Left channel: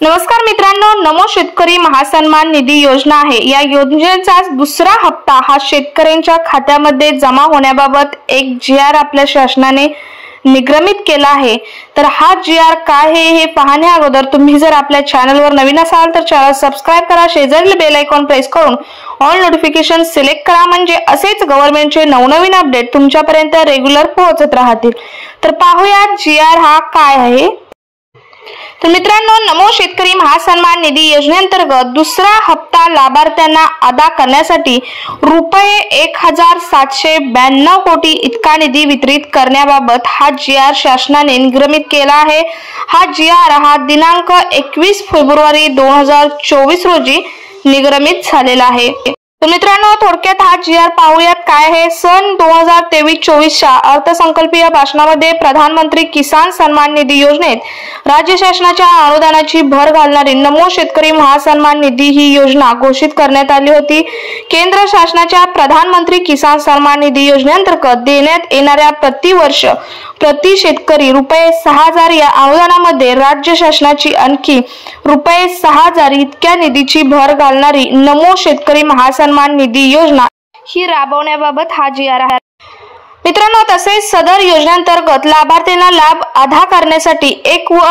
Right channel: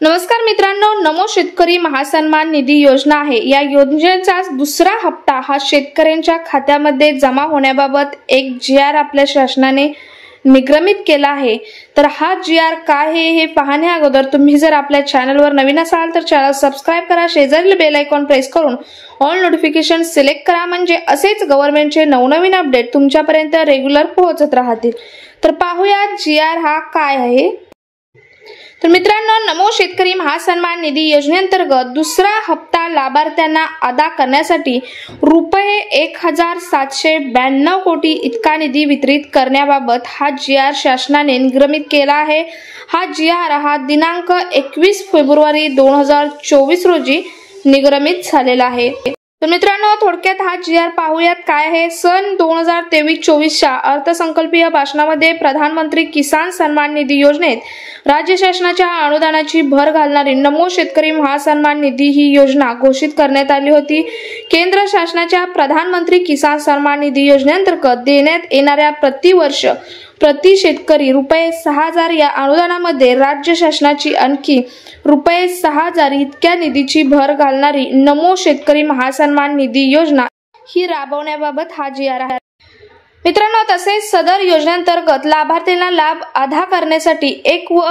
नमस्कार मित्रांनो, नमो शेतकरी महासन्मान निधी योजना आहे। या योजनेचा दुसरा हप्ता हा शेतकऱ्यांच्या खात्यामध्ये जमा होण्याबाबत एक जीआर आपल्या शासनाने निगमित केला आहे। तर हा जीआर काय आहे हे पाहण्या अगोदर तुम्ही जर आपल्या चॅनलवर नवीन असाल तर चॅनल सबस्क्राइब करा, शेजारील बेल आयकॉन प्रेस करून ऑल नोटिफिकेशन सिलेक्ट करा, म्हणजे असेच गव्हर्नमेंटचे नवनवीन अपडेट तुमच्यापर्यंत रेग्युलर पोहोचत राहतील। तर पाहूया जीआर हा काय आहे। तर मित्रांनो, नमो शेतकरी महासन्मान निधी योजनेअंतर्गत दुसरा हप्ता लाभार्थ्यांना अदा करण्यासाठी रुपये 1792 कोटी इतका निधी वितरित करण्याबाबत हा जीआर शासनाने निगमित केला आहे। हा जीआर हा दिनांक 21 फेब्रुवारी 2024 रोजी निगमित झालेला आहे। तर मित्रांनो, थोडक्यात हा जीआर पाहूयात काय आहे। सन 2023-24च्या अर्थसंकल्पीय भाषणामध्ये प्रधानमंत्री किसान सन्मान निधी योजनेत राज्य शासनाच्या अनुदानाची भर घालणारी नमो शेतकरी महासन्मान निधी ही योजना घोषित करण्यात आली होती। केंद्र शासनाच्या प्रधानमंत्री किसान सन्मान निधी योजनेअंतर्गत देण्यात येणाऱ्या प्रतिवर्ष प्रति शेतकरी रुपये 6000 या अनुदानामध्ये राज्य शासनाची आणखी रुपये 6000 इतक्या निधीची भर घालणारी नमो शेतकरी महासन्मान निधी योजना ही राबवण्याबाबत हा जीआर आहे। मित्रांनो, तसेच सदर योजनेअंतर्गत लाभार्थ्यांना लाभ अदा करण्यासाठी एक व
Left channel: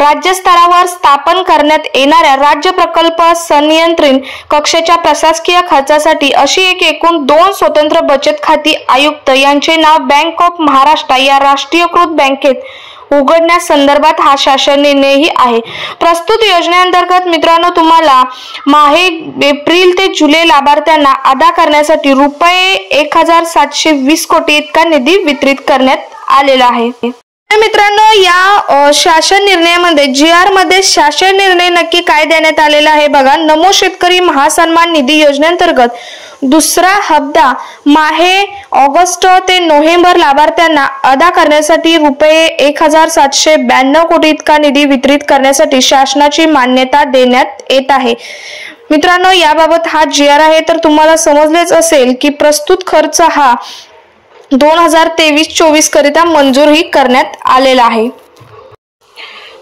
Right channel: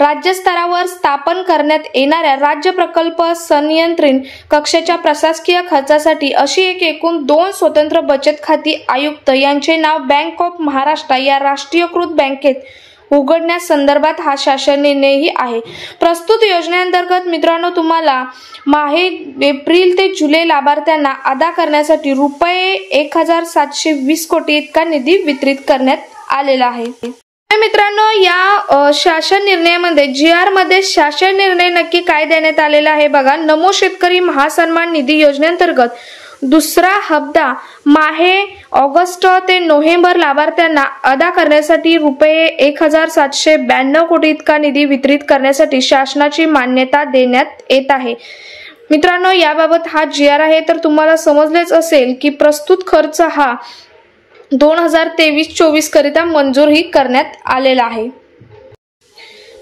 राज्य स्तरावर स्थापन करण्यात येणाऱ्या राज्य प्रकल्प संनियंत्रण कक्षाच्या प्रशासकीय खर्चासाठी अशी एकूण 2 स्वतंत्र बचत खाती आयुक्त यांचे नाव बँक ऑफ महाराष्ट्र या राष्ट्रीयकृत बँकेत उघडण्यासंदर्भात हा शासन निर्णयही आहे। प्रस्तुत योजनेअंतर्गत मित्रांनो तुम्हाला माहे एप्रिल ते जुलै लाभार्थ्यांना अदा करण्यासाठी रुपये 1720 कोटी इतका निधी वितरित करण्यात आलेला आहे। मित्रांनो, या शासन निर्णयामध्ये जीआर मध्ये शासन निर्णय नक्की काय देण्यात आलेला आहे बघा। नमो शेतकरी महासन्मान निधी योजनेअंतर्गत दुसरा हप्ता माहे ऑगस्ट ते नोव्हेंबर लाभार्थ्यांना अदा करण्यासाठी रुपये 1792 कोटी इतका निधी वितरित करण्यासाठी शासनाची मान्यता देण्यात येत आहे। मित्रांनो, याबाबत हा जीआर आहे। तर तुम्हाला समजलेच असेल की प्रस्तुत खर्च हा 2023-24 करिता मंजूरही करण्यात आलेला आहे।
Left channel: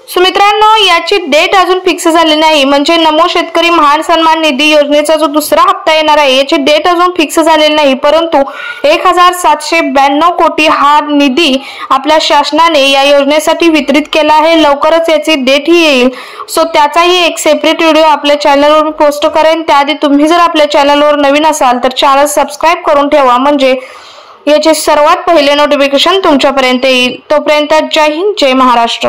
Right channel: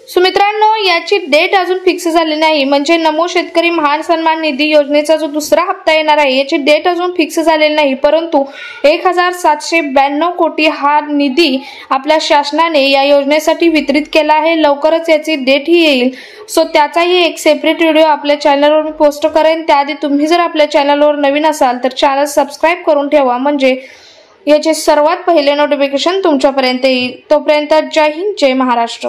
सो मित्रांनो, याची डेट अजून फिक्स झाली नाही, म्हणजे नमो शेतकरी महासन्मान निधी योजनेचा जो दुसरा हप्ता येणार आहे याची डेट अजून फिक्स झालेली नाही, परंतु 1792 कोटी हा निधी आपल्या शासनाने या योजनेसाठी वितरित केला आहे। लवकरच याची डेट ही येईल। सो त्याचाही एक सेपरेट व्हिडिओ आपल्या चॅनलवर पोस्ट करेन। त्याआधी तुम्ही जर आपल्या चॅनलवर नवीन असाल तर चॅनल सबस्क्राइब करून ठेवा, म्हणजे याचे सर्वात पहिले नोटिफिकेशन तुमच्यापर्यंत येईल। तोपर्यंत जय हिंद, जय महाराष्ट्र।